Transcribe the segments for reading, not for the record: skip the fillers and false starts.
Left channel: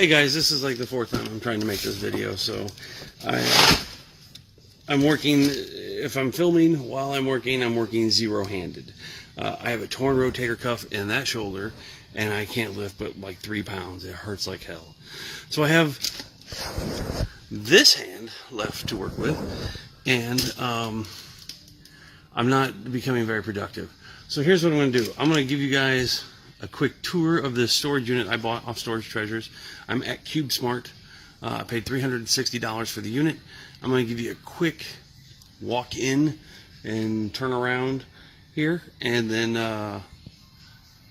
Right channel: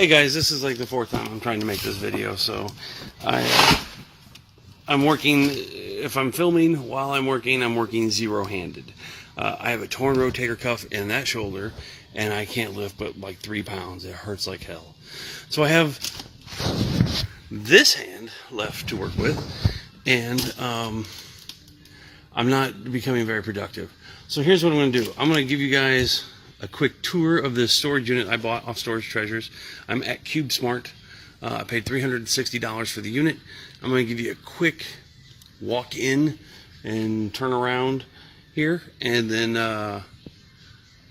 Hey guys, this is like the fourth time I'm trying to make this video, so I'm working, if I'm filming while I'm working zero-handed. I have a torn rotator cuff in that shoulder, and I can't lift but like 3 pounds. It hurts like hell. So I have this hand left to work with, and I'm not becoming very productive. So here's what I'm going to do. I'm going to give you guys a quick tour of this storage unit I bought off Storage Treasures. I'm at CubeSmart. I paid $360 for the unit. I'm going to give you a quick walk in and turn around here, and then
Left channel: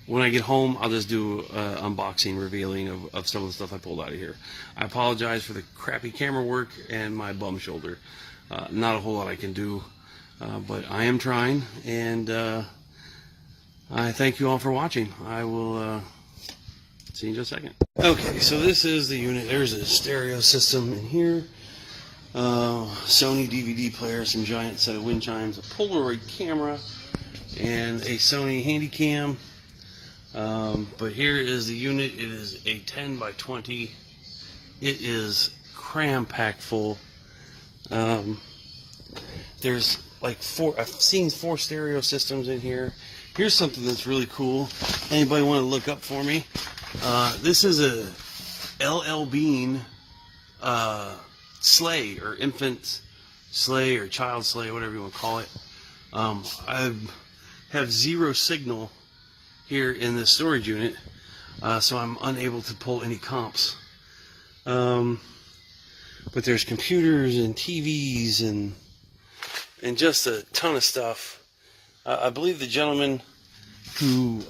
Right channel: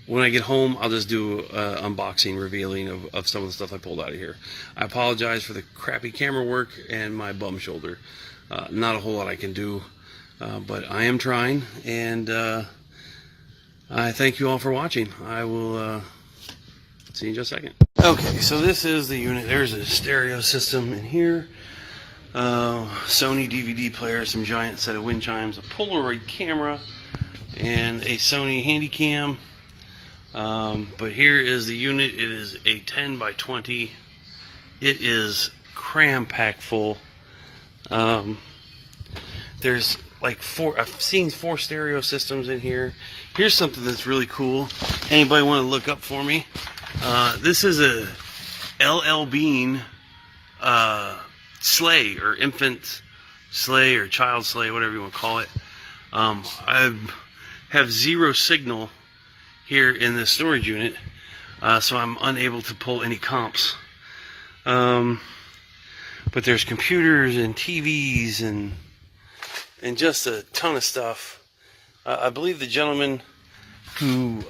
when I get home, I'll just do an unboxing, revealing of some of the stuff I pulled out of here. I apologize for the crappy camera work and my bum shoulder. Not a whole lot I can do, but I am trying, and I thank you all for watching. I will see you in just a second. Okay, so this is the unit. There's a stereo system in here. Sony DVD player, some giant set of wind chimes, a Polaroid camera, and a Sony Handycam. But here is the unit. It is a 10 by 20. It is cram-packed full. There's like I've seen 4 stereo systems in here. Here's something that's really cool. Anybody want to look up for me? This is a LL Bean sleigh, or infant sleigh, or child sleigh, whatever you want to call it. I have 0 signal here in this storage unit, so I'm unable to pull any comps. But there's computers and TVs and just a ton of stuff. I believe the gentleman who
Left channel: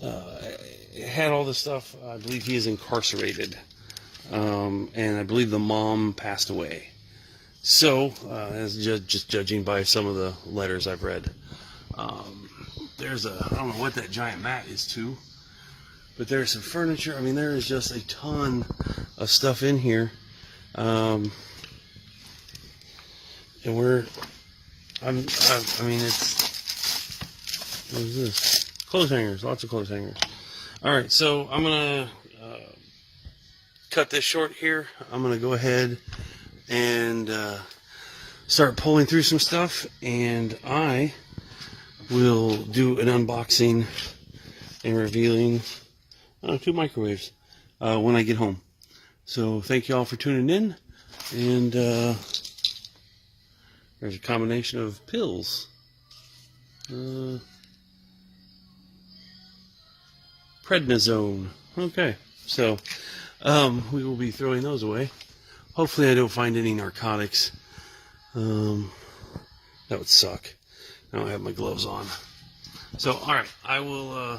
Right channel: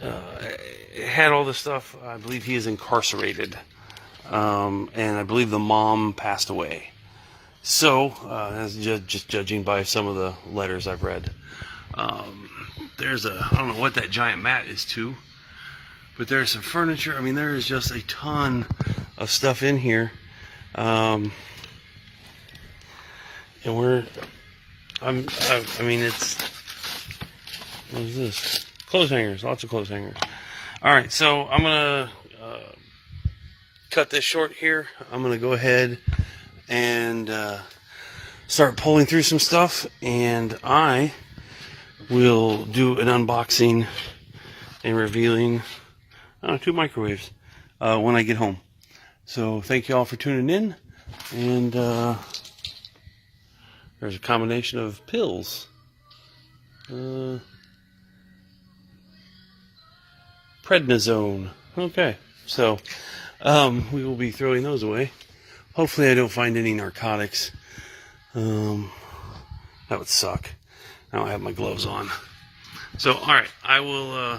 had all this stuff, I believe he is incarcerated. And I believe the mom passed away. So, that's just judging by some of the letters I've read. There's I don't know what that giant mat is to, but there's some furniture. I mean, there is just a ton of stuff in here. And I mean, it's, what is this? Clothes hangers, lots of clothes hangers. Alright, so I'm going to cut this short here. I'm going to go ahead and start pulling through some stuff, and I will do an unboxing and revealing 2 microwaves when I get home. So thank you all for tuning in, and there's a combination of pills. Prednisone. Okay, so we will be throwing those away. Hopefully I don't find any narcotics. That would suck. I don't have my gloves on. So, alright, I will,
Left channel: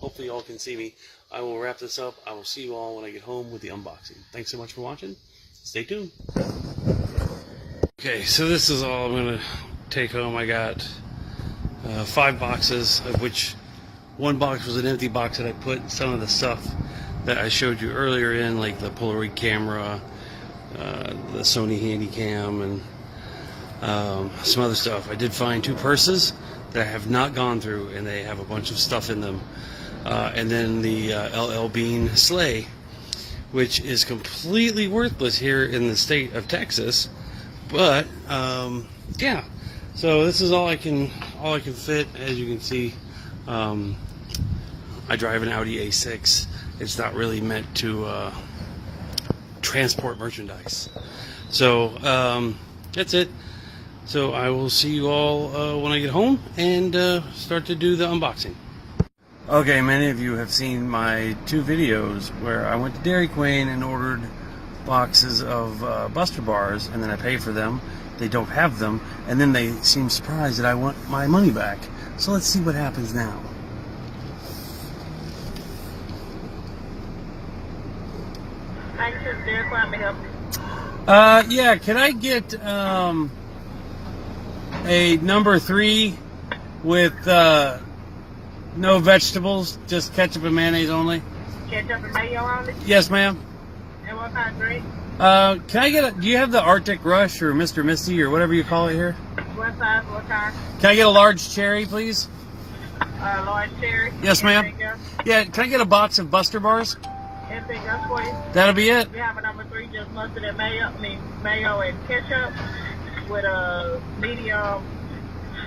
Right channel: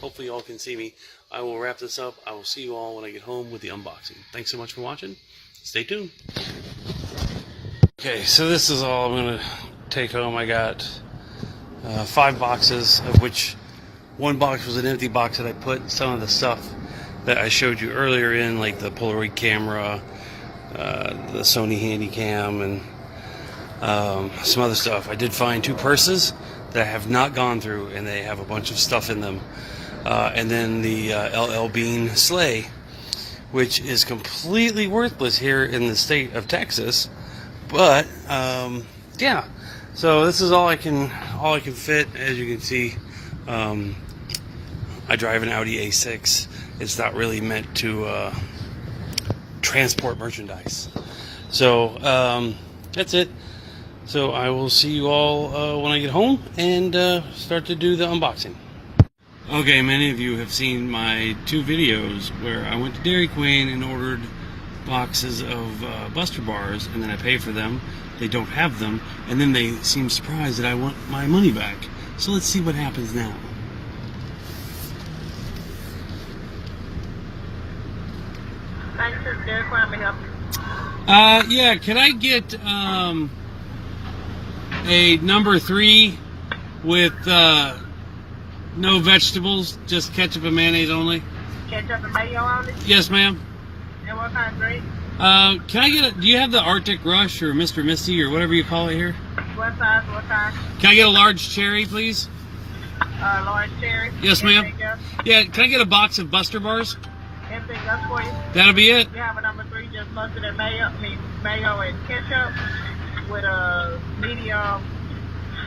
hopefully you all can see me. I will wrap this up. I will see you all when I get home with the unboxing. Thanks so much for watching. Stay tuned. Okay, so this is all I'm going to take home. I got 5 boxes, of which 1 box was an empty box that I put some of the stuff that I showed you earlier in, like the Polaroid camera, the Sony Handycam, and some other stuff. I did find 2 purses that I have not gone through, and they have a bunch of stuff in them. And then the LL Bean sleigh, which is completely worthless here in the state of Texas. But yeah, so this is all I can fit. As you can see, I drive an Audi A6. It's not really meant to transport merchandise. So that's it. So I will see you all when I get home and start to do the unboxing. Okay, many of you have seen my 2 videos where I went to Dairy Queen and ordered boxes of Buster Bars, and then I pay for them. They don't have them, and then they seem surprised that I want my money back. So let's see what happens now. Yeah, can I get a number 3 with no vegetables, just ketchup and mayonnaise only? Ketchup and mayo only? Yes, ma'am. And what kind of drink? Can I get do you have the Arctic Rush or Mr. Misty or whatever you call it here? What size, what kind? Can I get a large cherry, please? large cherry. Yes, ma'am. Anything else? Yeah, can I get a box of Buster Bars? Anything else for you? That'll be it. We have a number 3, just mustard and mayo. Mayo and ketchup with a medium.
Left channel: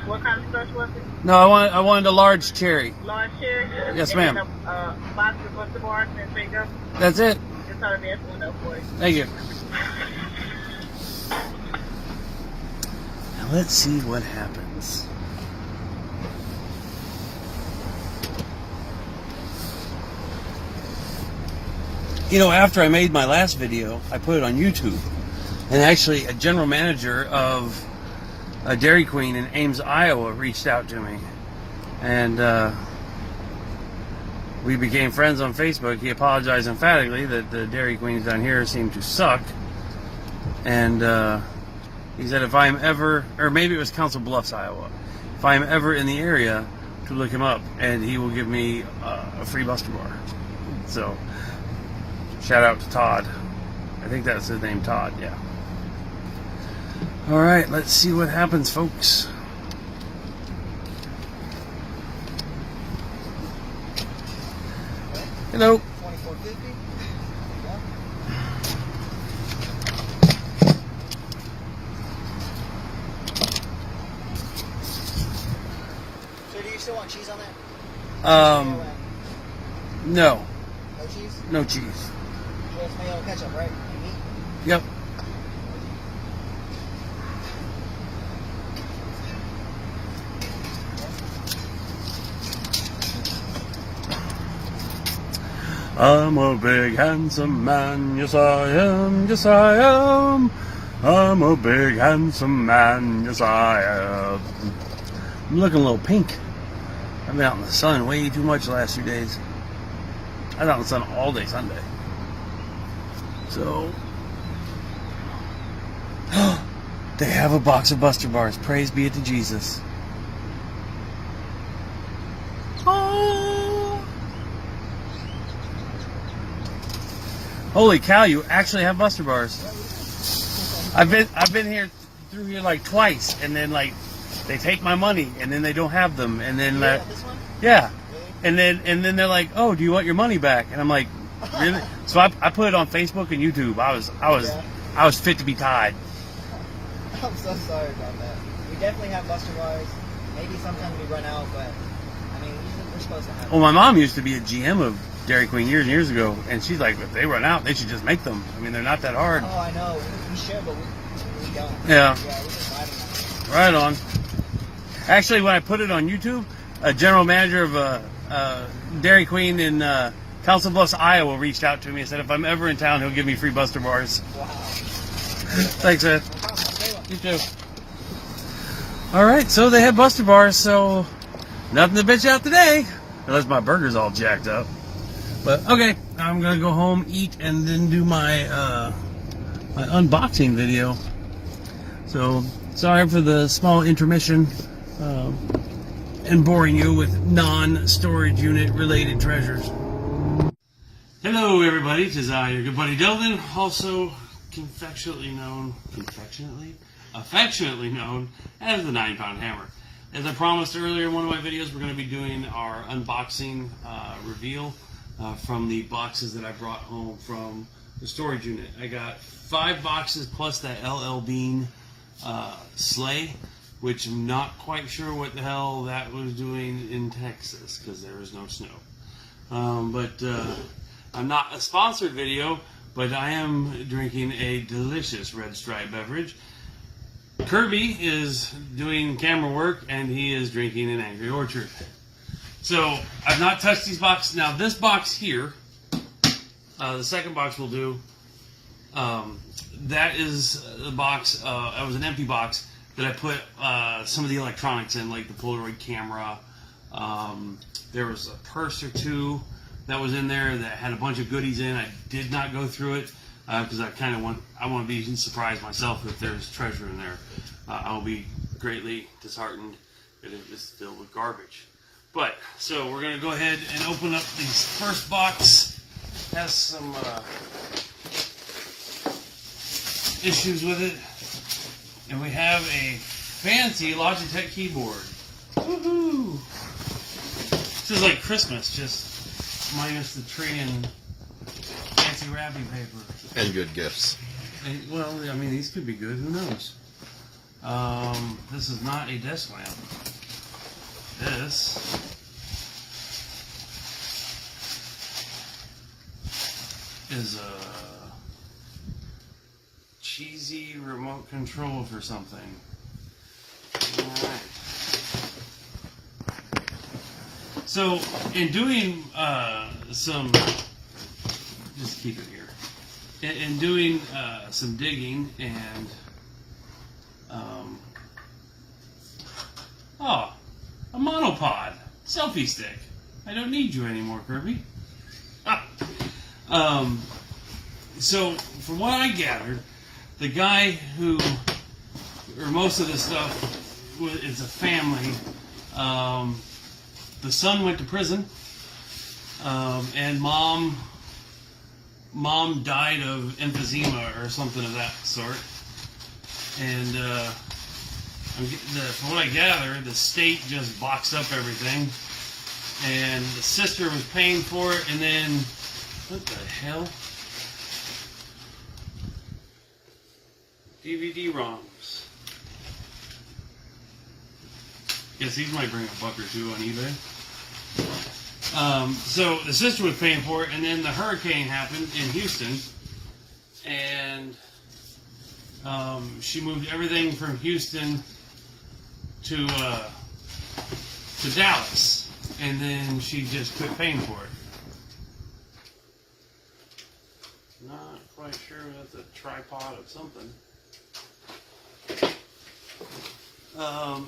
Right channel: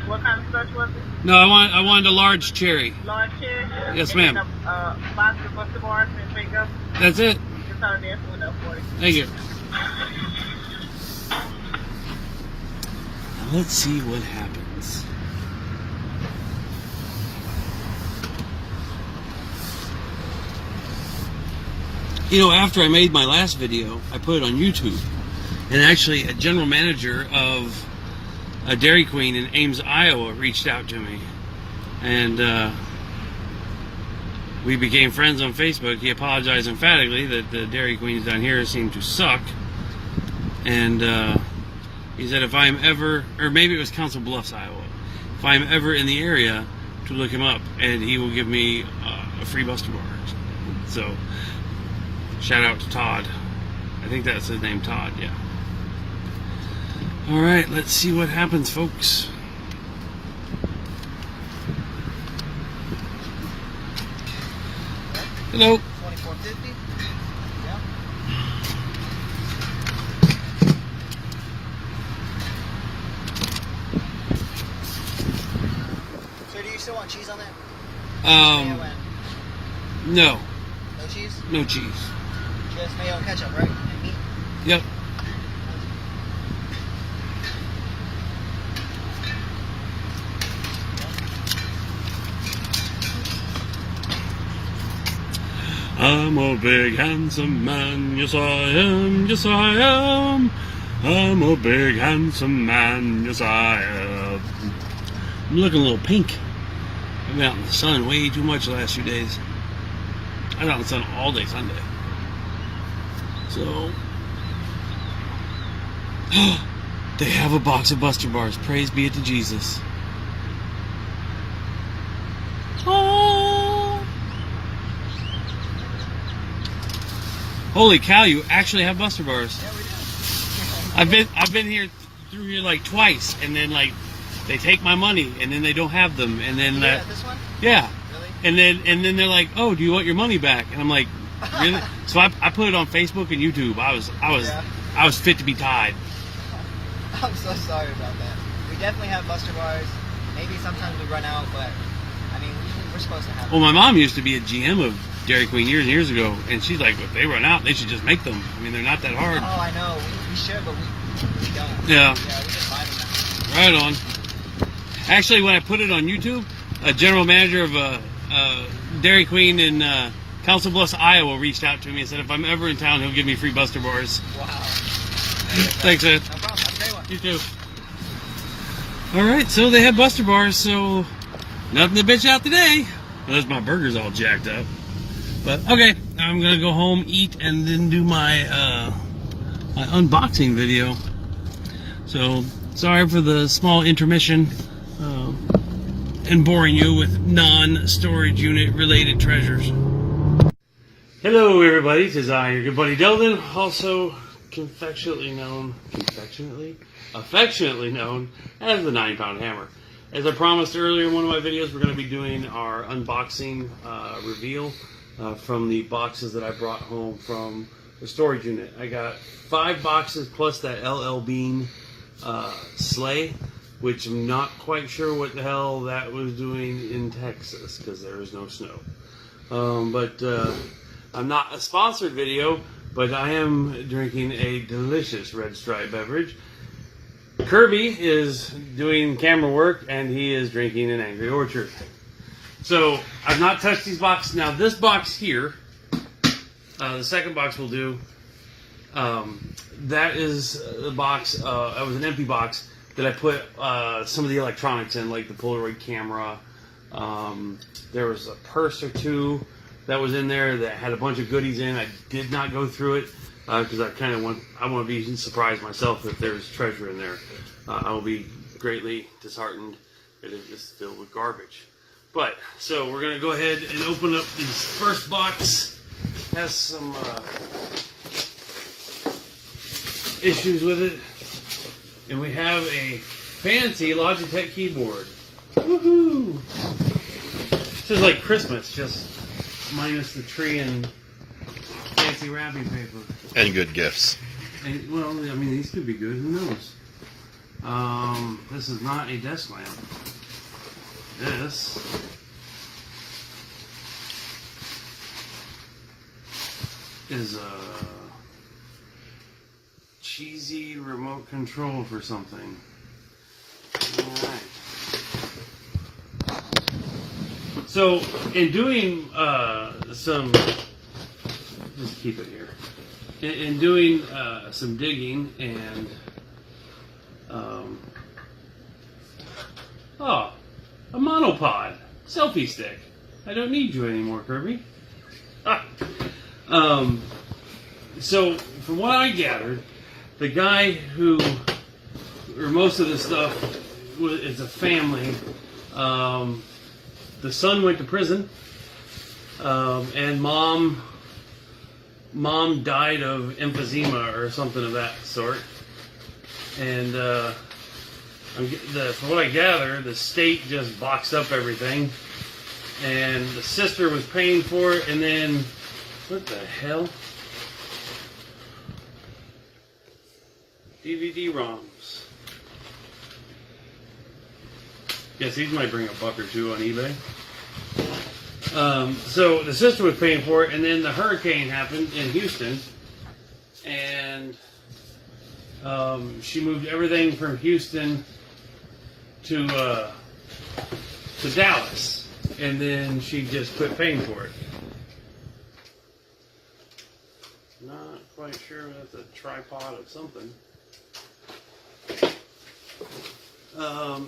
What kind of sauce was it? No, I wanted a large cherry. Large cherry. Yes, and ma'am. A box of Buster Bars. Anything else? That's it. Just all the one up for you. Thank you. Now let's see what happens. You know, after I made my last video, I put it on YouTube. And actually, a general manager of a Dairy Queen in Ames, Iowa, reached out to me. And we became friends on Facebook. He apologized emphatically that the Dairy Queens down here seem to suck. And he said if I'm ever, or maybe it was Council Bluffs, Iowa, if I'm ever in the area, to look him up, and he will give me a free Buster Bar. So, shout out to Todd. I think that's his name, Todd, yeah. All right, let's see what happens, folks. Hello. 2450. Yeah. So do you still want cheese on that? Mayo and No, no cheese? no cheese. Just mayo and ketchup, right? And meat? Yep. I'm a big handsome man, yes I am, yes I am. I'm a big handsome man, yes I am. I'm looking a little pink. I've been out in the sun way too much the last few days. I was out in the sun all day Sunday. So, they have a box of Buster Bars. Praise be it to Jesus. Oh. Holy cow, you actually have Buster Bars. Yeah, we do. I've been here through here like twice, and then like they take my money, and then they don't have them, and then Yeah, this one? yeah, Really? and then they're like, oh, do you want your money back? And I'm like, really? So I put it on Facebook and YouTube. I was fit to be tied. I'm so sorry about that. We definitely have Buster Bars. Maybe sometimes we run out, but I mean, we're supposed to have Well, my mom used to be a GM of Dairy Queen years and years ago, and she's like, if they run out, they should just make them. I mean, they're not that hard. Oh, I know. We should, but we don't. Yeah. Yeah, we just buy them. Right on. Actually, when I put it on YouTube, a general manager of Dairy Queen in Council Bluffs, Iowa, reached out to me and said if I'm ever in town, he'll give me free Buster Bars. Wow. Thanks, man. No problem. Have a great one. You too. All right, so they had Buster Bars, so nothing to bitch out today, unless my burger's all jacked up. But okay, I'm gonna go home, eat, and then do my my unboxing video. So sorry for the small intermission and boring you with non-storage unit related treasures. Hello, everybody. It is I, your good buddy Delvin, also affectionately known as the 9-Pound Hammer. As I promised earlier in one of my videos, we're going to be doing our unboxing reveal from the boxes that I brought home from the storage unit. I got 5 boxes plus that LL Bean Sled, which I'm not quite sure what the hell that was doing in Texas because there is no snow. But I'm not a sponsored video, but I am drinking a delicious Red Stripe beverage. Kirby is doing camera work, and he is drinking an Angry Orchard. So, I've not touched these boxes. Now, this box here, the second box will do, that is the box, it was an empty box that I put some of the electronics in, like the Polaroid camera. There was a purse or two that was in there that had a bunch of goodies in. I did not go through it because I want to be surprised myself if there's treasure in there. I will be greatly disheartened if it is filled with garbage. But so we're gonna go ahead and open up this first box. Has some issues with it, and we have a fancy Logitech keyboard. Woohoo! It's just like Christmas, just minus the tree and fancy wrapping paper. And good gifts. And, well, I mean, these could be good. Who knows? This is not a desk lamp. This is a cheesy remote control for something. Alright. So, in doing some... Just keep it here. In doing some digging and... a monopod. Selfie stick. I don't need you anymore, Kirby. So, from what I gathered, the guy who, or most of the stuff, is a family. The son went to prison, and mom died of emphysema or something of that sort. And from what I gather, the state just boxed up everything, and the sister was paying for it, and then, what the hell? DVD-ROMs. Yes, these might bring a buck or two on eBay. So the sister was paying for it, and then the hurricane happened in Houston, and she moved everything from Houston to Dallas, and then she just quit paying for it. Not quite sure that's a tripod of something.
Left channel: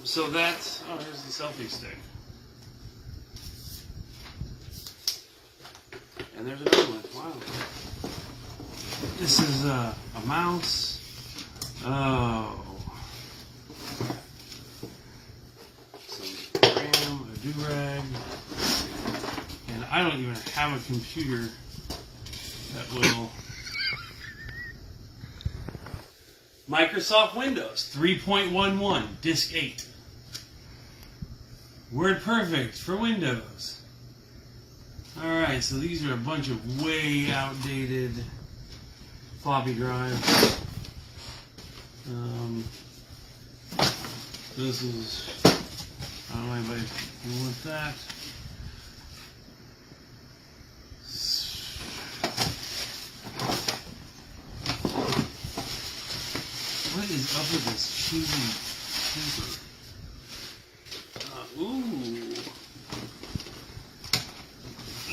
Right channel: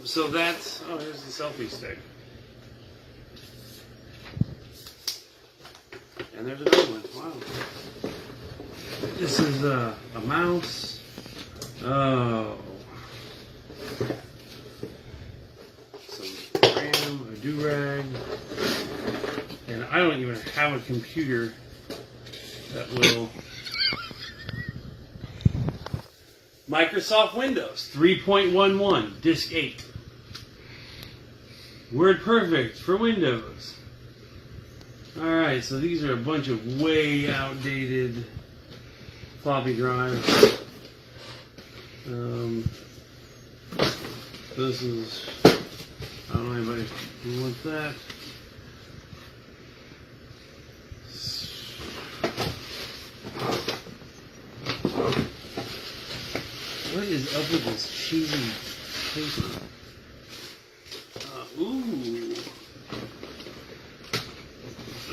So that's, oh, here's the selfie stick. And there's another one. Wow. This is a mouse. Oh. Some RAM, a do-rag. And I don't even have a computer that will... Microsoft Windows 3.11, Disk 8. WordPerfect for Windows. Alright, so these are a bunch of way outdated floppy drives. This is, I don't know anybody who wants that. What is up with this cheesy paper? Ooh.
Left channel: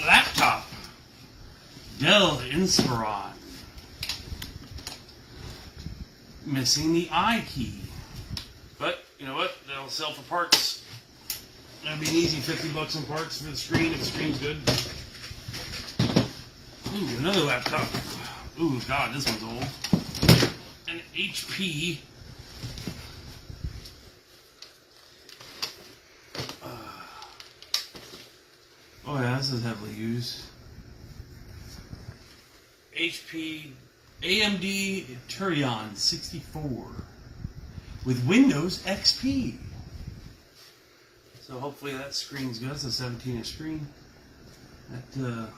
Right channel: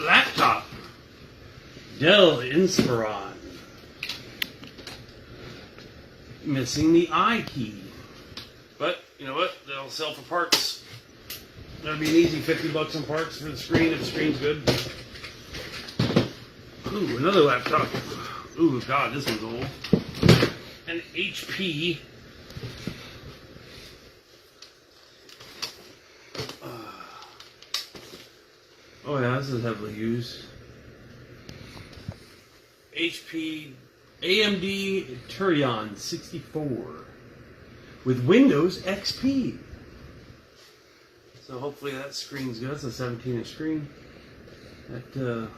Laptop. Dell Inspiron. Missing the I key. But, you know what? That'll sell for parts. That'll be an easy $50 in parts for the screen if the screen's good. Ooh, another laptop. Ooh, God, this one's old. An HP. Oh yeah, this is heavily used. HP AMD Turion 64 with Windows XP. So hopefully that screen's good. It's a 17-inch screen. That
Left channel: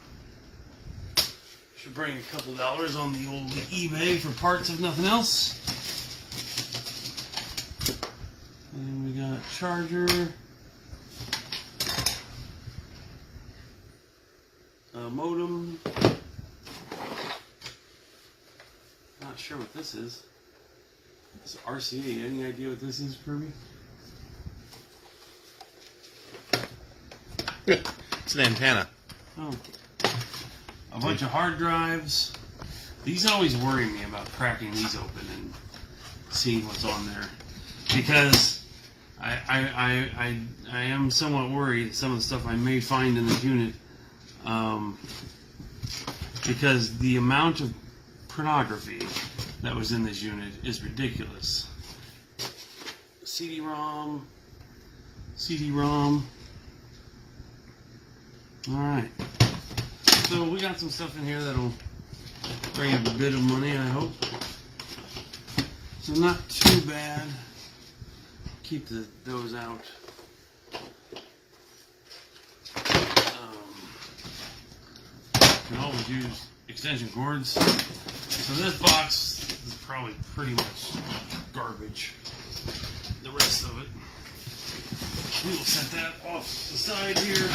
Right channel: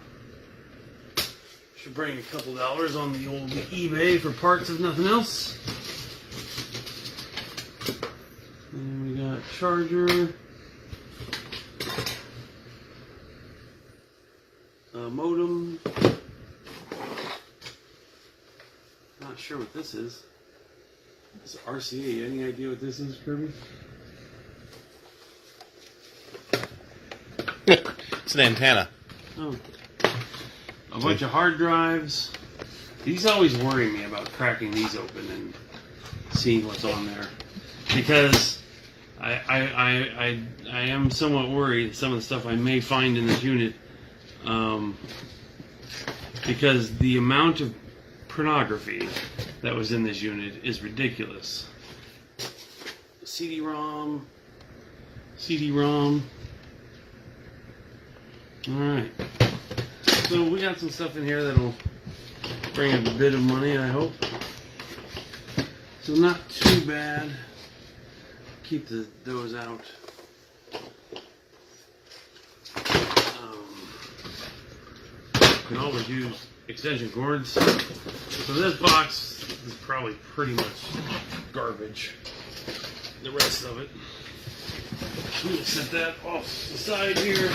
should bring a couple dollars on the old eBay for parts if nothing else. And we got charger, modem. Not sure what this is. It's RCA. Any idea what this is, Kirby? It's an antenna. Oh. A bunch of hard drives. These always worry me about cracking these open and seeing what's on there, because I am somewhat worried some of the stuff I may find in this unit, because the amount of pornography that was in this unit is ridiculous. CD-ROM. Alright. So we got some stuff in here that'll bring a bit of money, I hope. So not too bad. Keep those out. can always use extension cords. So this box is probably pretty much garbage. The rest of it, we will set that off the side here.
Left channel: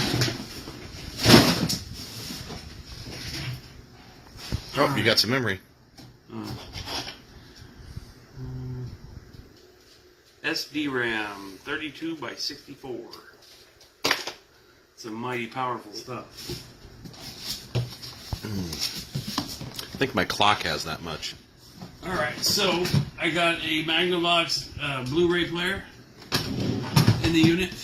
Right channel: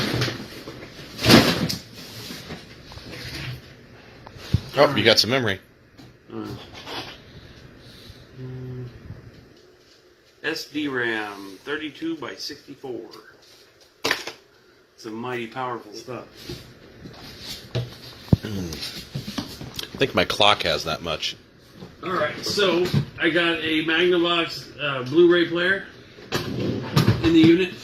Oh, you got some memory. SD RAM 32 by 64. Some mighty powerful stuff. I think my clock has that much. Alright, so I got a Magnavox Blu-ray player in the unit.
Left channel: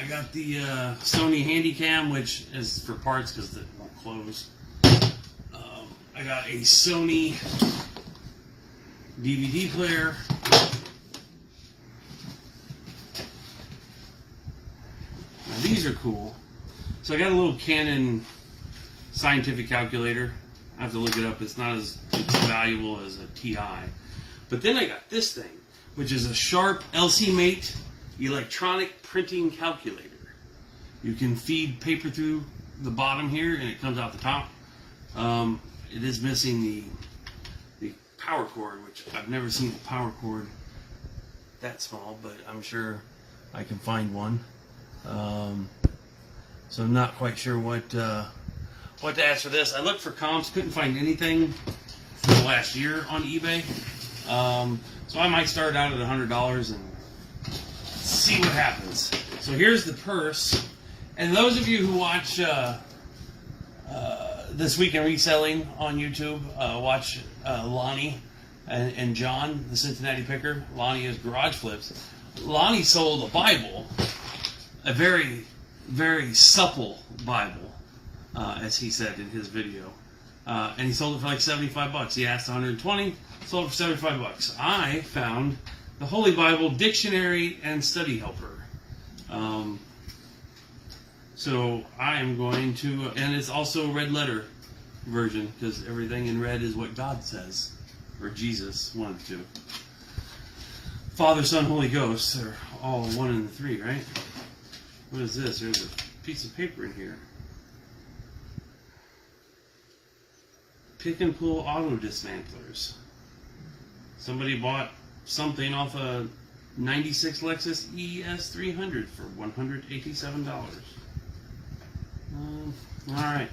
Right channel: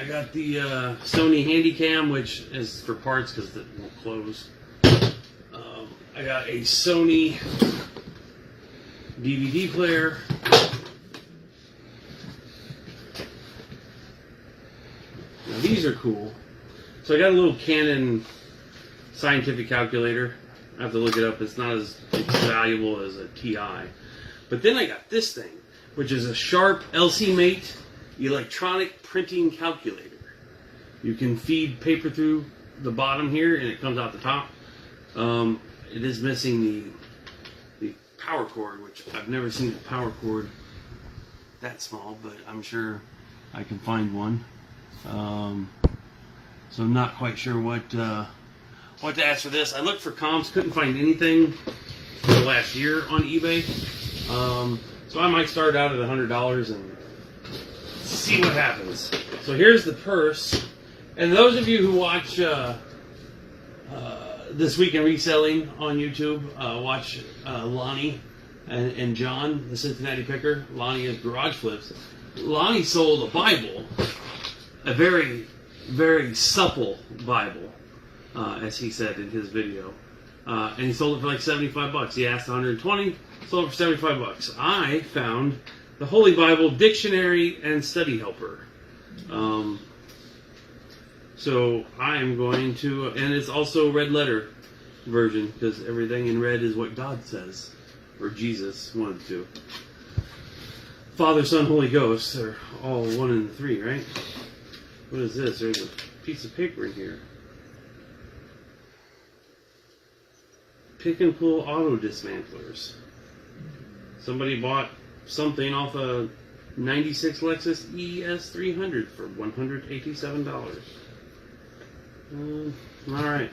I got the Sony Handycam, which is for parts because it won't close. I got a Sony DVD player. Now these are cool. So I got a little Canon scientific calculator. I have to look it up. It's not as valuable as a TI. But then I got this thing, which is a Sharp LC-Mate electronic printing calculator. You can feed paper through the bottom here, and it comes out the top. It is missing the power cord, which I've never seen a power cord that small, but I'm sure I can find one. So I'm not quite sure what to ask for this. I looked for comps, couldn't find anything for the last year on eBay. So I might start out at $100 and see what happens. So here's the purse. And those of you who watch This Week in Reselling on YouTube, watch Lonnie and John, the Cincinnati Picker. Lonnie is Garage Flips. Lonnie sold a Bible, a very, very supple Bible, as he said in his video. And he sold it for like $75. He asked 120, sold it for $75. I found the Holy Bible Dictionary and Study Helper. So I am going to, and it's also red letter version, because everything in red is what God says, or Jesus, one of the two. Father, Son, Holy Ghost are all one and three, right? What is this? There's a piece of paper in here. Pick and pull auto dismantlers. Somebody bought something off a 96 Lexus ES300 for $187. Alright.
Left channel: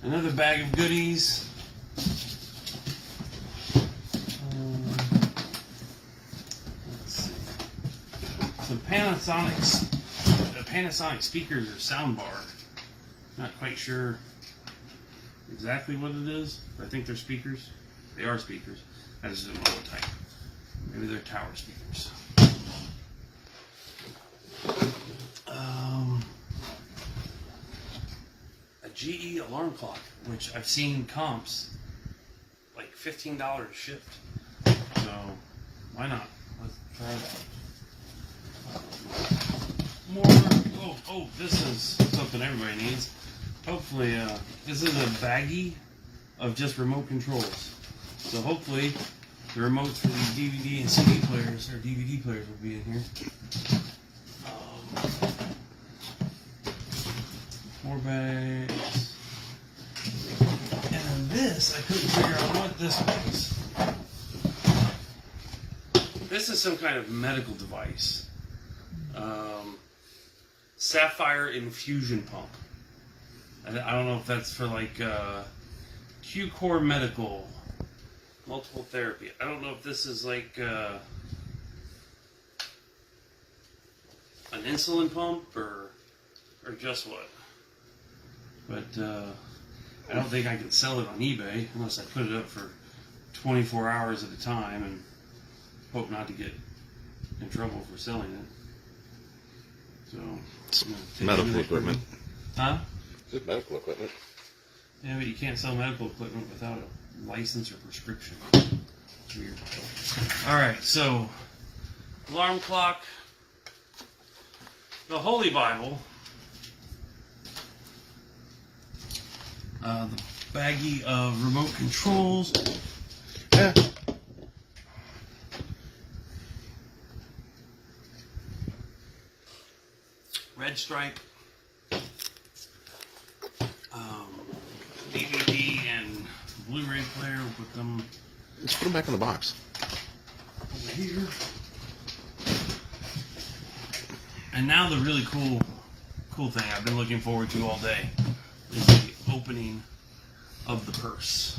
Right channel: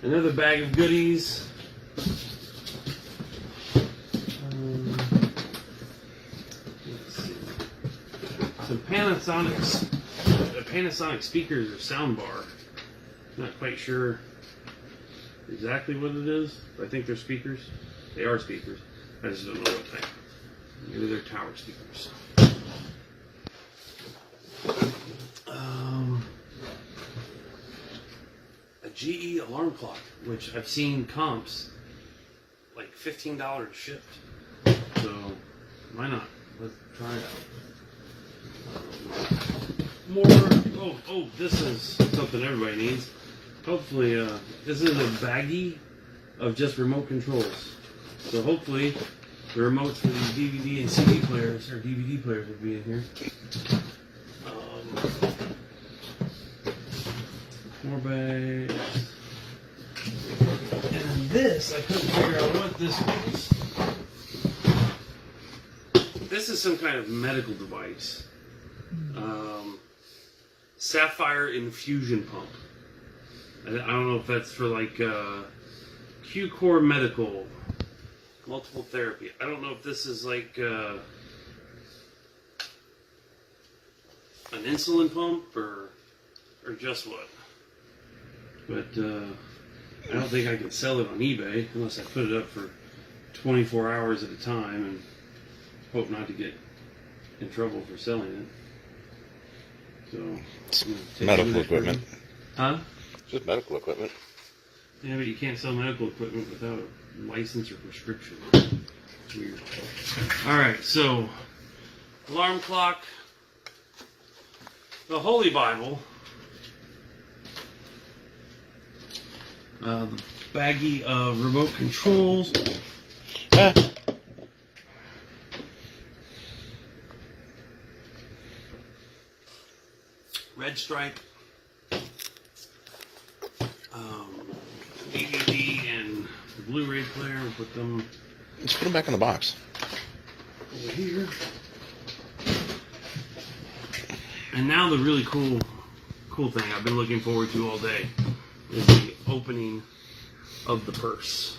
Another bag of goodies. Let's see. Some Panasonic speakers or soundbar. Not quite sure exactly what it is, but I think they're speakers. They are speakers. I just don't know what type. Maybe they're tower speakers. A GE alarm clock, which I've seen comps like $15 shipped. So why not? Let's try it out. More. Oh, this is something everybody needs. Hopefully, this is a baggie of just remote controls. So hopefully, the remotes for these DVD and CD players, or DVD players, will be in here. More bags. And then this, I couldn't figure out what this was. This is some kind of medical device. Sapphire infusion pump. I don't know if that's for like Q-Core Medical, multiple therapy. I don't know if this is like an insulin pump or just what. But I don't think I can sell it on eBay unless I put it up for 24 hours at a time and hope not to get in trouble for selling it. So, it's medical equipment. Huh? Just medical equipment. Yeah, but you can't sell medical equipment without a license or prescription. Weird. Alright, so alarm clock, the Holy Bible, baggie of remote controls. Red stripe DVD and Blu-ray player. We'll put them Let's put them back in the box. over here. And now the really cool thing I've been looking forward to all day is the opening of the purse.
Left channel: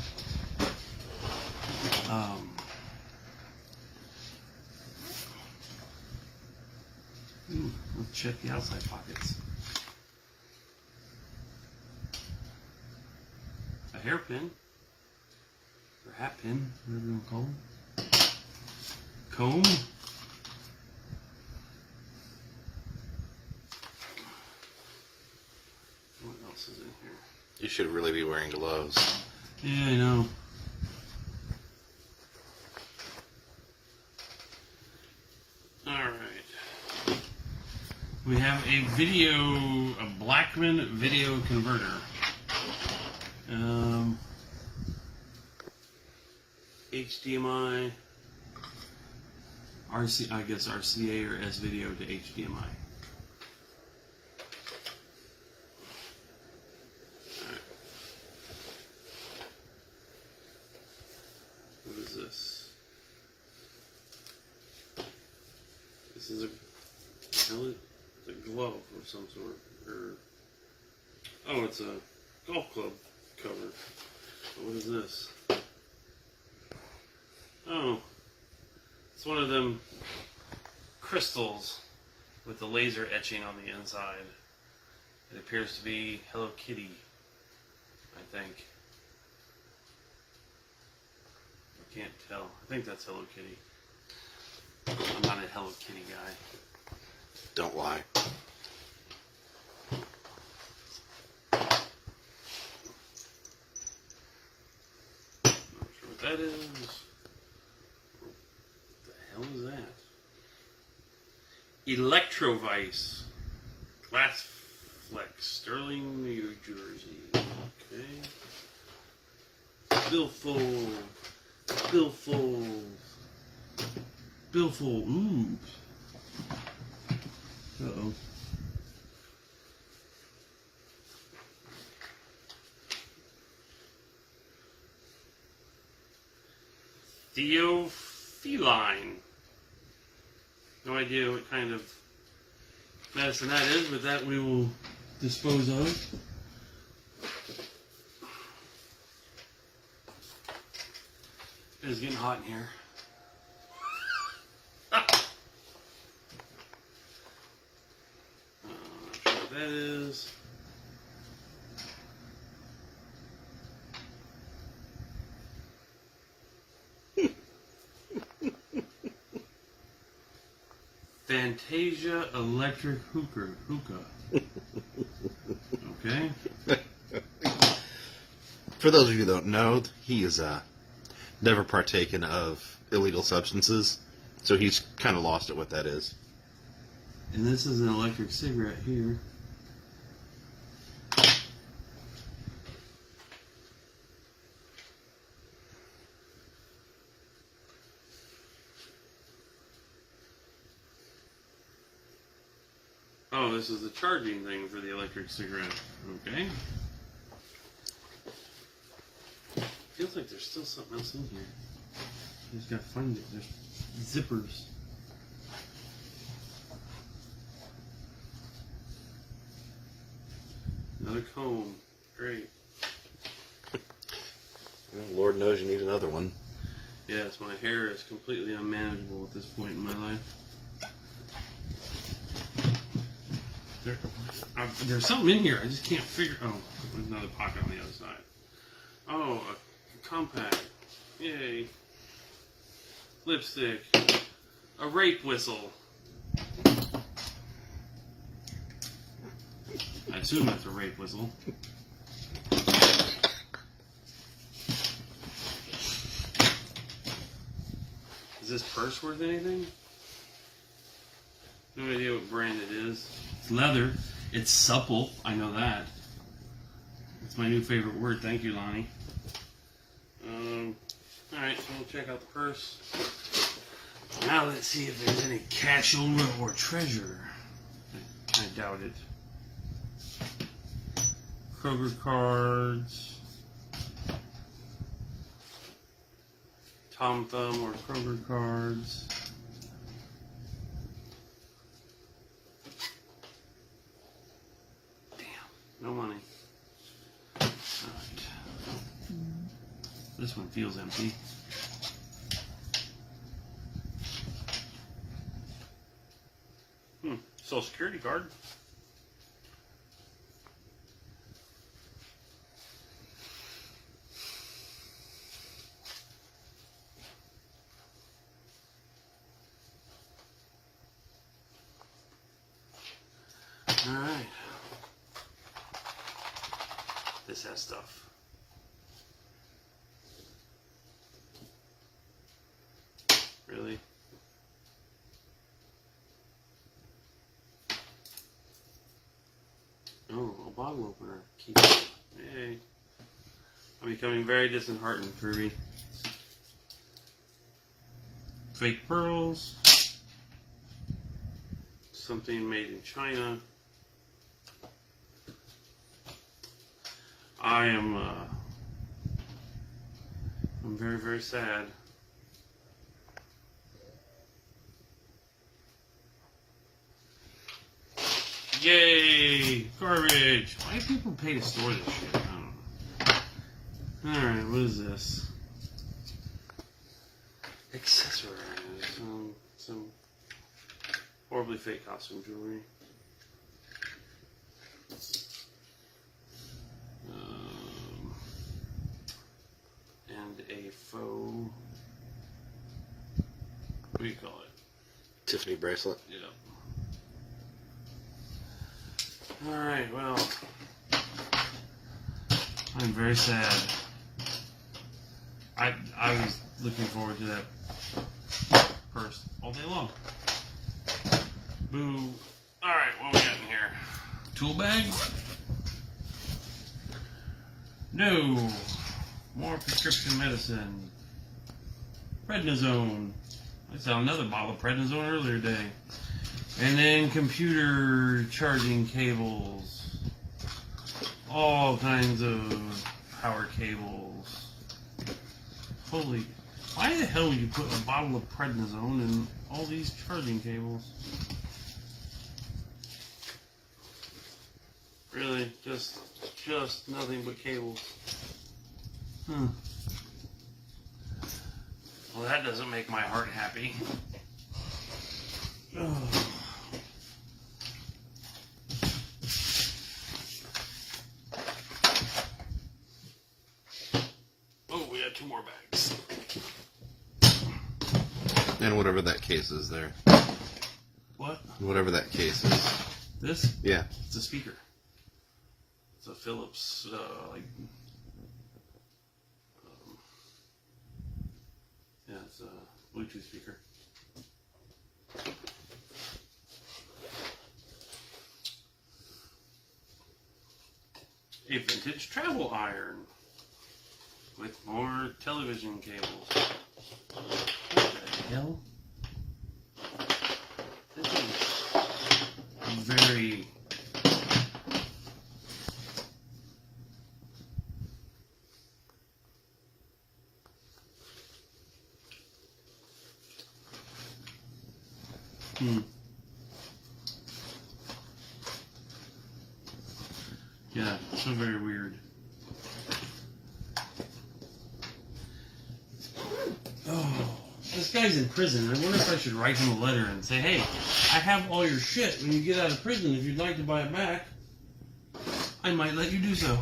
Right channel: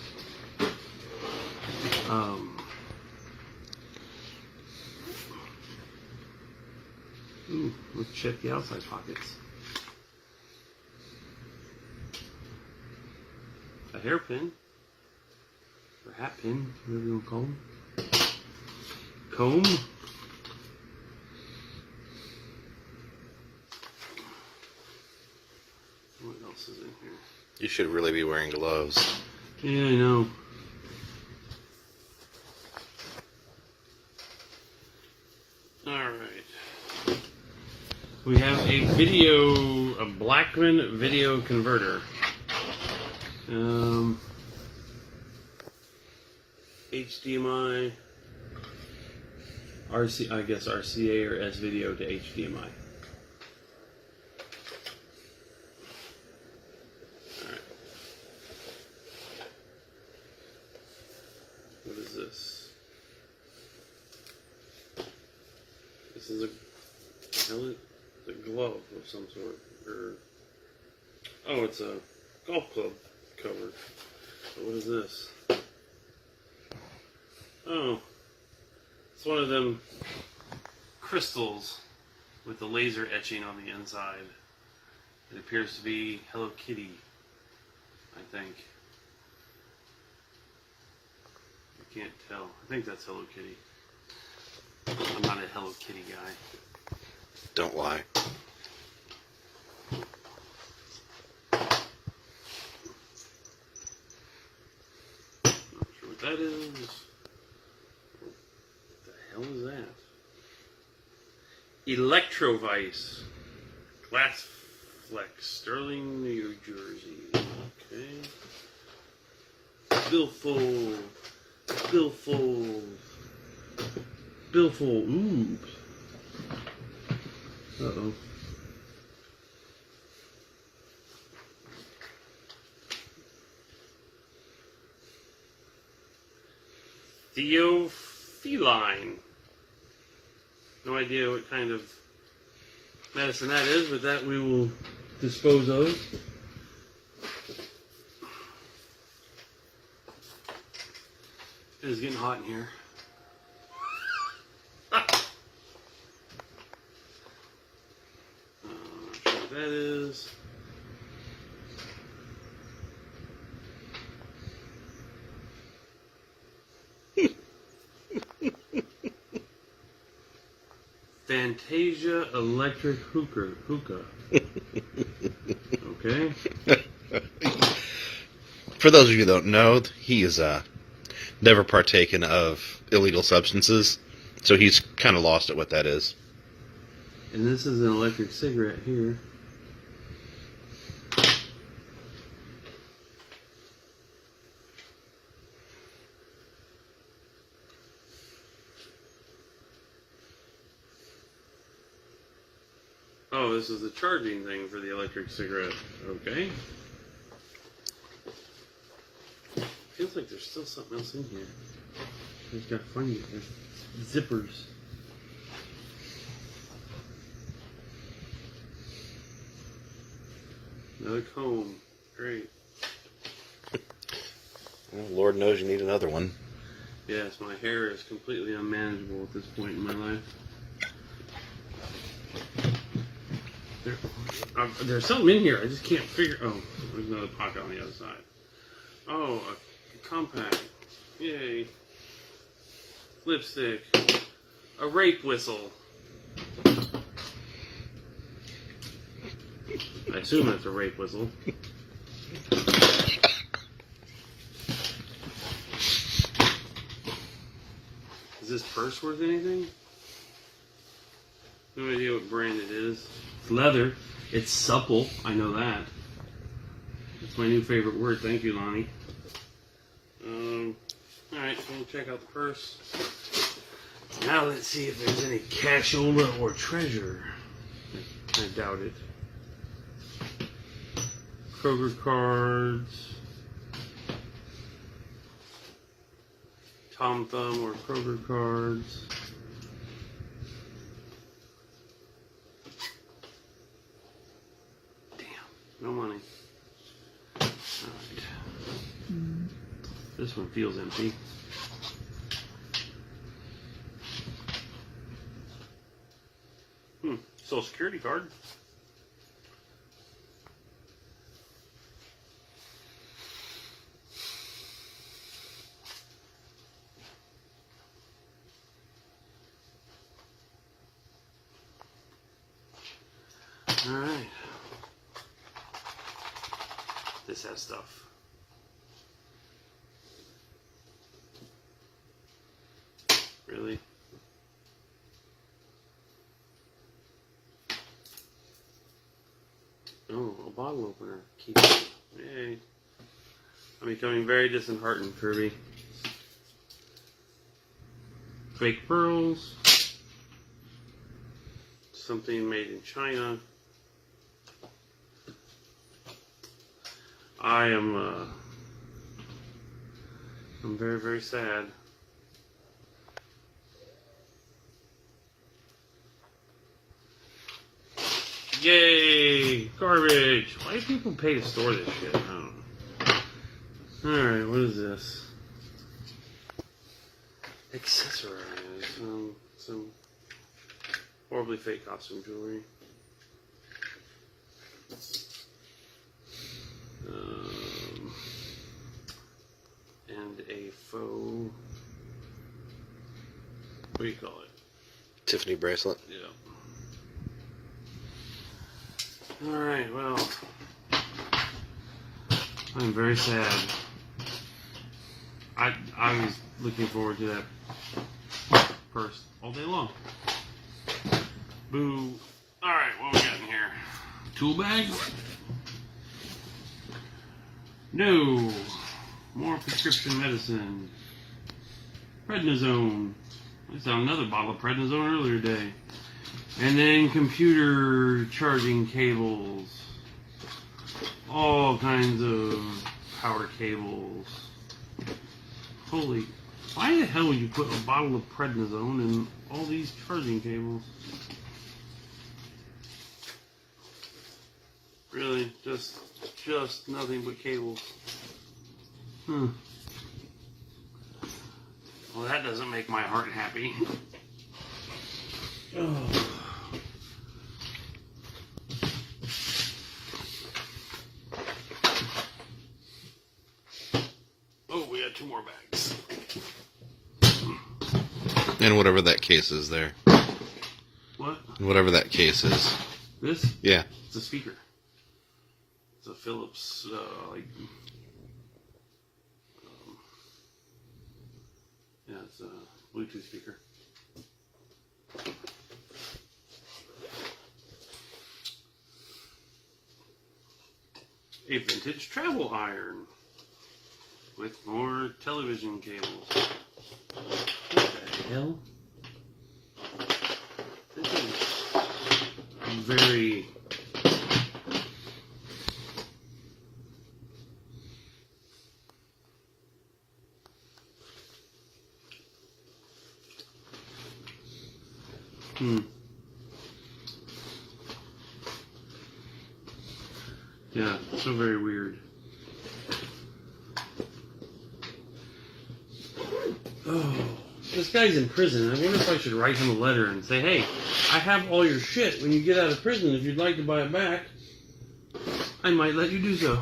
Ooh, let's check the outside pockets. A hairpin, or hat pin, whatever you want to call them. Comb. What else is in here? You should really be wearing gloves. Yeah, I know. Alright. We have a Blackman video converter. HDMI, I guess RCA or S video to HDMI. What is this? This is a glove of some sort. Oh, it's a golf club cover. What is this? Oh, it's one of them crystals with the laser etching on the inside. It appears to be Hello Kitty, I think. I can't tell. I think that's Hello Kitty. I'm not a Hello Kitty guy. Don't lie. Not sure what that is. What the hell is that? Electrovice. Glass Flex. Sterling, New Jersey. Okay. Billfold. Ooh. Uh-oh. Theophiline. No idea what kind of medicine that is, but that we will dispose of. It is getting hot in here. That is Fantasia Electric Hookah. Okay. For those of you that don't know, he is never partaken of illegal substances, so he's kind of lost at what that is. And this is an electric cigarette here. Oh, this is the charging thing for the electric cigarette. Okay. Feels like there's still something else in here. I just gotta find it. There's zippers. Another comb. Great. Well, Lord knows you need another one. Yes, my hair is completely unmanageable at this point in my life. There's something in here. I just can't figure. Oh, there's another pocket on the other side. Oh, a compact. Yay. Lipstick. A rape whistle. I assume that's a rape whistle. Is this purse worth anything? No idea what brand it is. It's leather. It's supple. I know that. It's my new favorite word. Thank you, Lonnie. Alright, so we'll check out the purse. Now let's see if there's any cashola or treasure. I doubt it. Kroger cards. Tom Thumb or Kroger cards. Damn, no money. Right. This one feels empty. Social Security card. Alright. This has stuff. Really? Oh, a bottle opener. Keep it. Yay. I'm becoming very disheartened, Kirby. Fake pearls. Something made in China. I'm very, very sad. Yay! Garbage! Why do people pay to store this shit? I don't know. Alright, what is this? Accessories. Some horribly fake costume jewelry. And a faux... What do you call it? Tiffany bracelet. Yeah. Alright, well, I'm very sad. I was looking forward to that purse all day long. Boo. Alright, what we got in here? Tool bag? No. More prescription medicine. Prednisone. I saw another bottle of prednisone earlier today. And then computer charging cables. All kinds of power cables. Holy, why the hell would you put a bottle of prednisone in all these charging cables? Really, just nothing but cables. Well, that doesn't make my heart happy. Oh, we have 2 more bags. And whatever that case is there. What? Whatever that case is. This? Yeah. It's a speaker. It's a Philips, yeah, it's a Bluetooth speaker. A vintage travel iron with more television cables. What the hell? This is very... Yeah, so very weird. Oh, this guy's in prison. I wonder if I should write him a letter and say, hey, I have all your shit. When you get out of prison, if you'd like to buy it back, I might let you do so.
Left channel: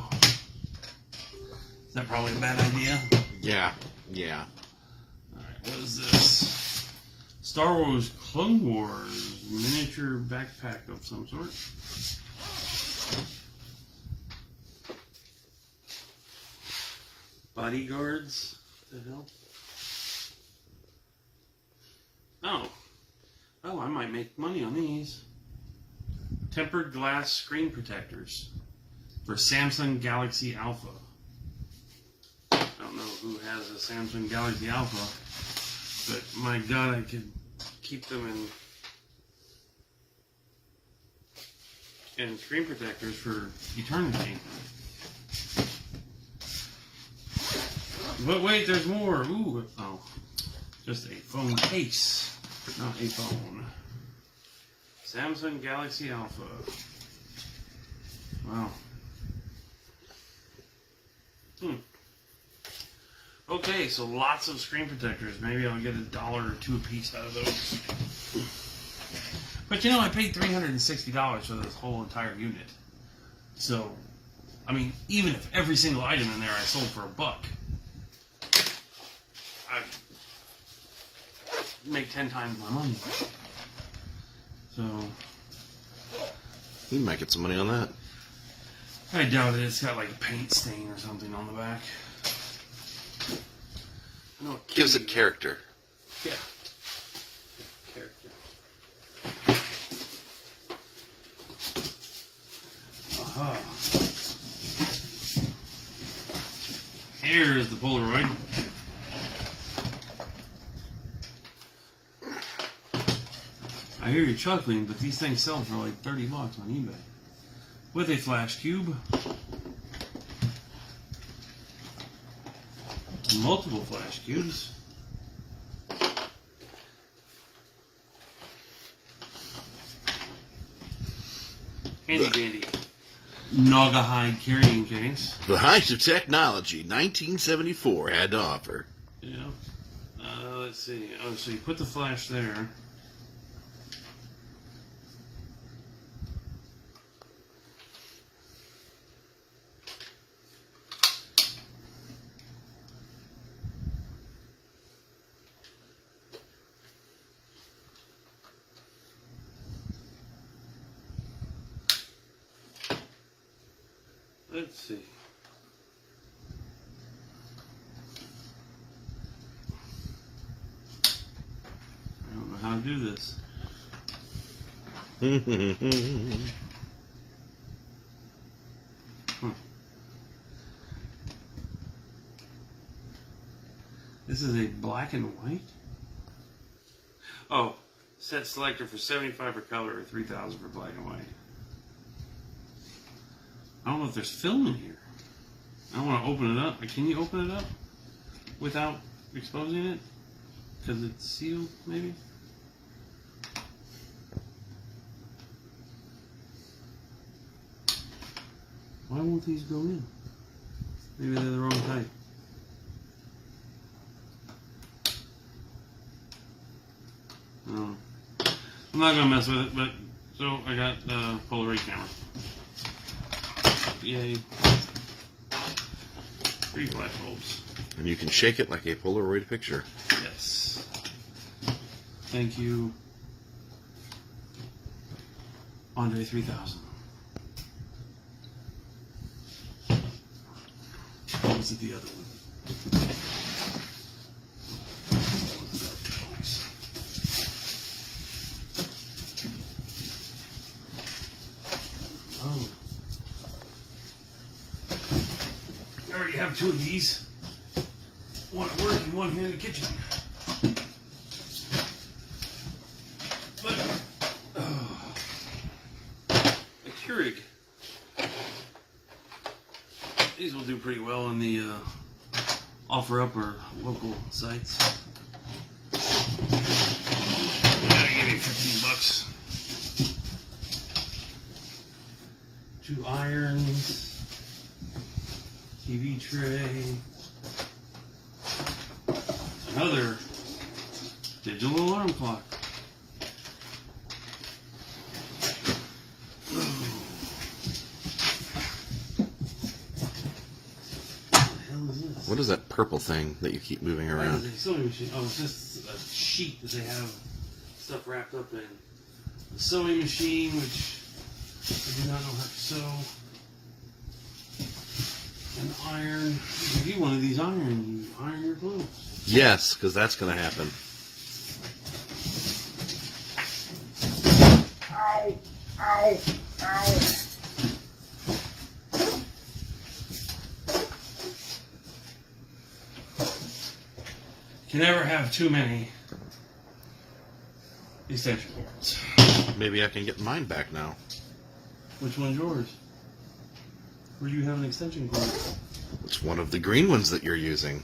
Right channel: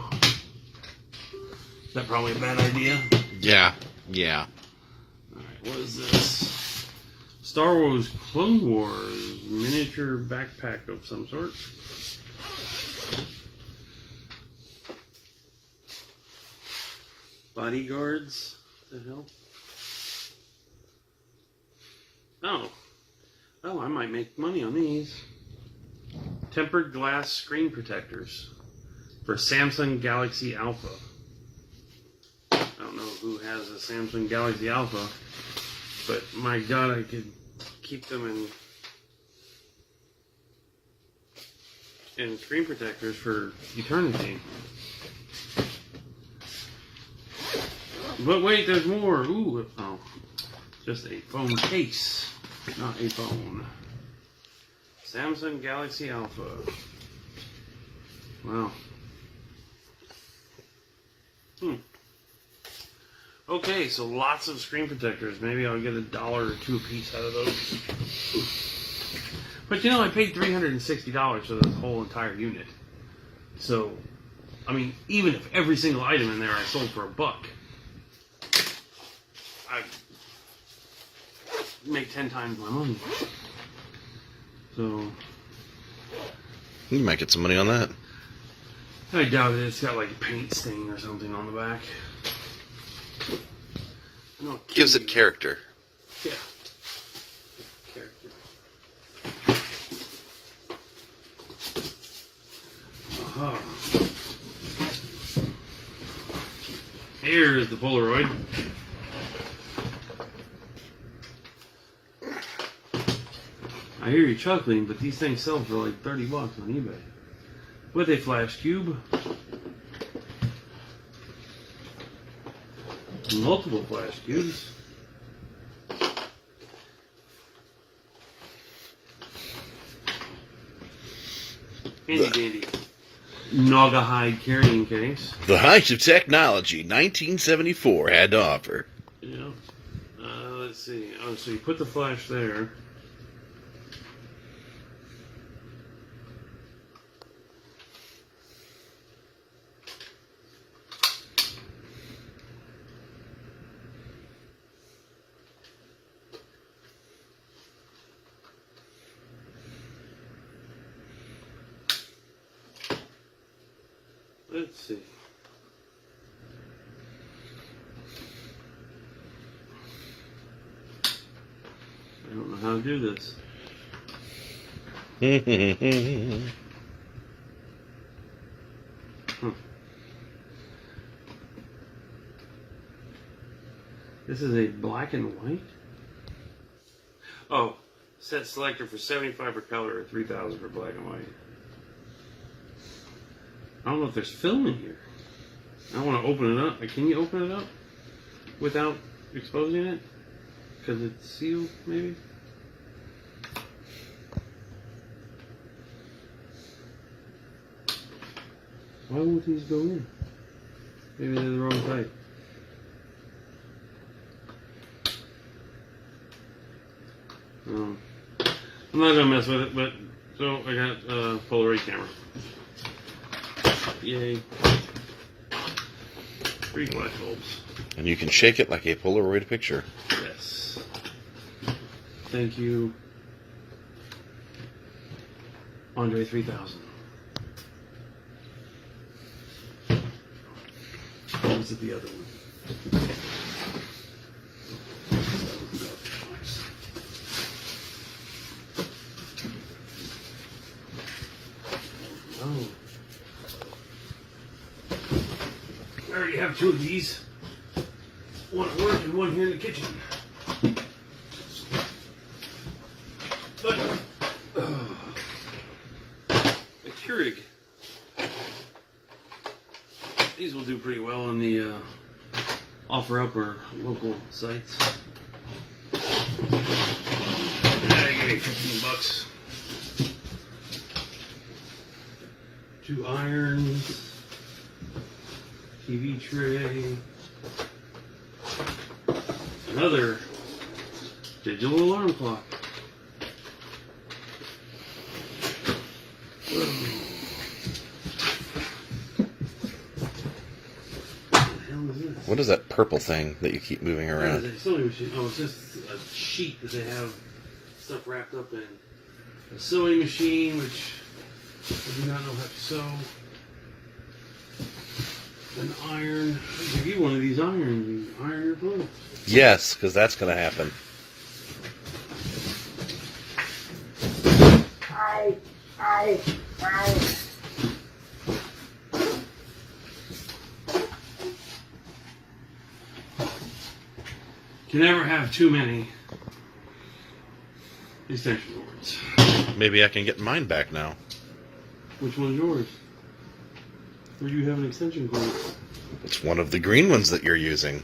Is that probably a bad idea? Yeah. Yeah. Alright, what is this? Star Wars Clone Wars miniature backpack of some sort. Bodyguards to help. Oh, I might make money on these. Tempered glass screen protectors for Samsung Galaxy Alpha. I don't know who has a Samsung Galaxy Alpha, but my God, I could keep them in screen protectors for eternity. But wait, there's more. Ooh, oh, just a phone case, not a phone. Samsung Galaxy Alpha. Wow. Okay, so lots of screen protectors. Maybe I'll get $1 or $2 a piece out of those. But you know, I paid $360 for this whole entire unit. So, I mean, even if every single item in there I sold for $1, I'd make 10 times my money. So, You might get some money on that. I doubt it. It's got like a paint stain or something on the back. No, Gives it character. Yeah. Aha. Here is the Polaroid. I hear you chuckling, but these things sell for like $30 on eBay. With a flash cube. Multiple flash cubes. Handy dandy. Naugahyde carrying case. The height of technology 1974 had to offer. Yeah. Let's see. Oh, so you put the flash there. Let's see. I don't know how to do this. This is a black and white? Oh, set selector for 75 for color or 3,000 for black and white. I don't know if there's film in here. I want to open it up. Can you open it up without exposing it? Because it's sealed, maybe? Why won't these go in? Maybe they're the wrong type. I'm not going to mess with it, but so I got a Polaroid camera. Yay. 3 flash bulbs. And you can shake it like a Polaroid picture. Yes. Thank you, Andre 3000. What was it, the other one? Oh. I already have 2 of these. One at work and one here in the kitchen. But the Keurig. These will do pretty well on the OfferUp or local sites. I get it $15. 2 irons, TV tray, another digital alarm clock. What is that purple thing that you keep moving around? It's a sewing machine. Oh, it's just a sheet that they have stuff wrapped up in. A sewing machine, which I do not know how to sew. An iron. I'll give you one of these irons and iron your clothes. Yes, because that's going to happen. Ow! Ow! Ow! You never have too many extension cords. Maybe I can get mine back now. Which one's yours? Or do you have an extension cord? It's one of the green ones that you're using.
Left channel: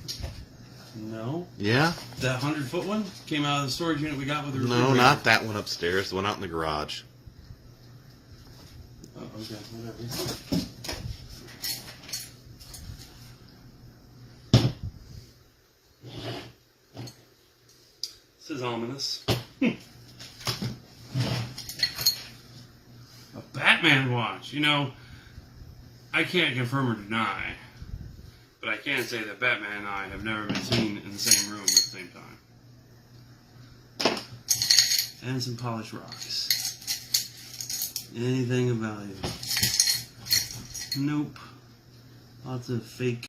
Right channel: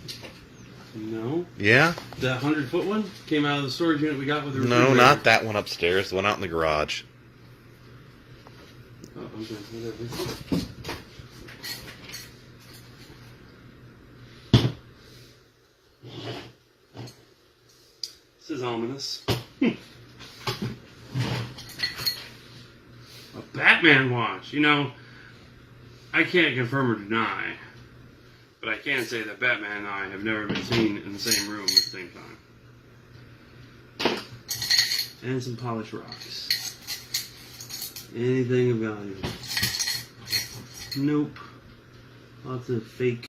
No. Yeah? That 100-foot one came out of the storage unit we got with the No, refrigerator. not that one upstairs. The one out in the garage. Oh, okay, whatever. This is ominous. A Batman watch. You know, I can't confirm or deny, but I can say that Batman and I have never been seen in the same room at the same time. And some polished rocks. Anything of value? Nope. Lots of fake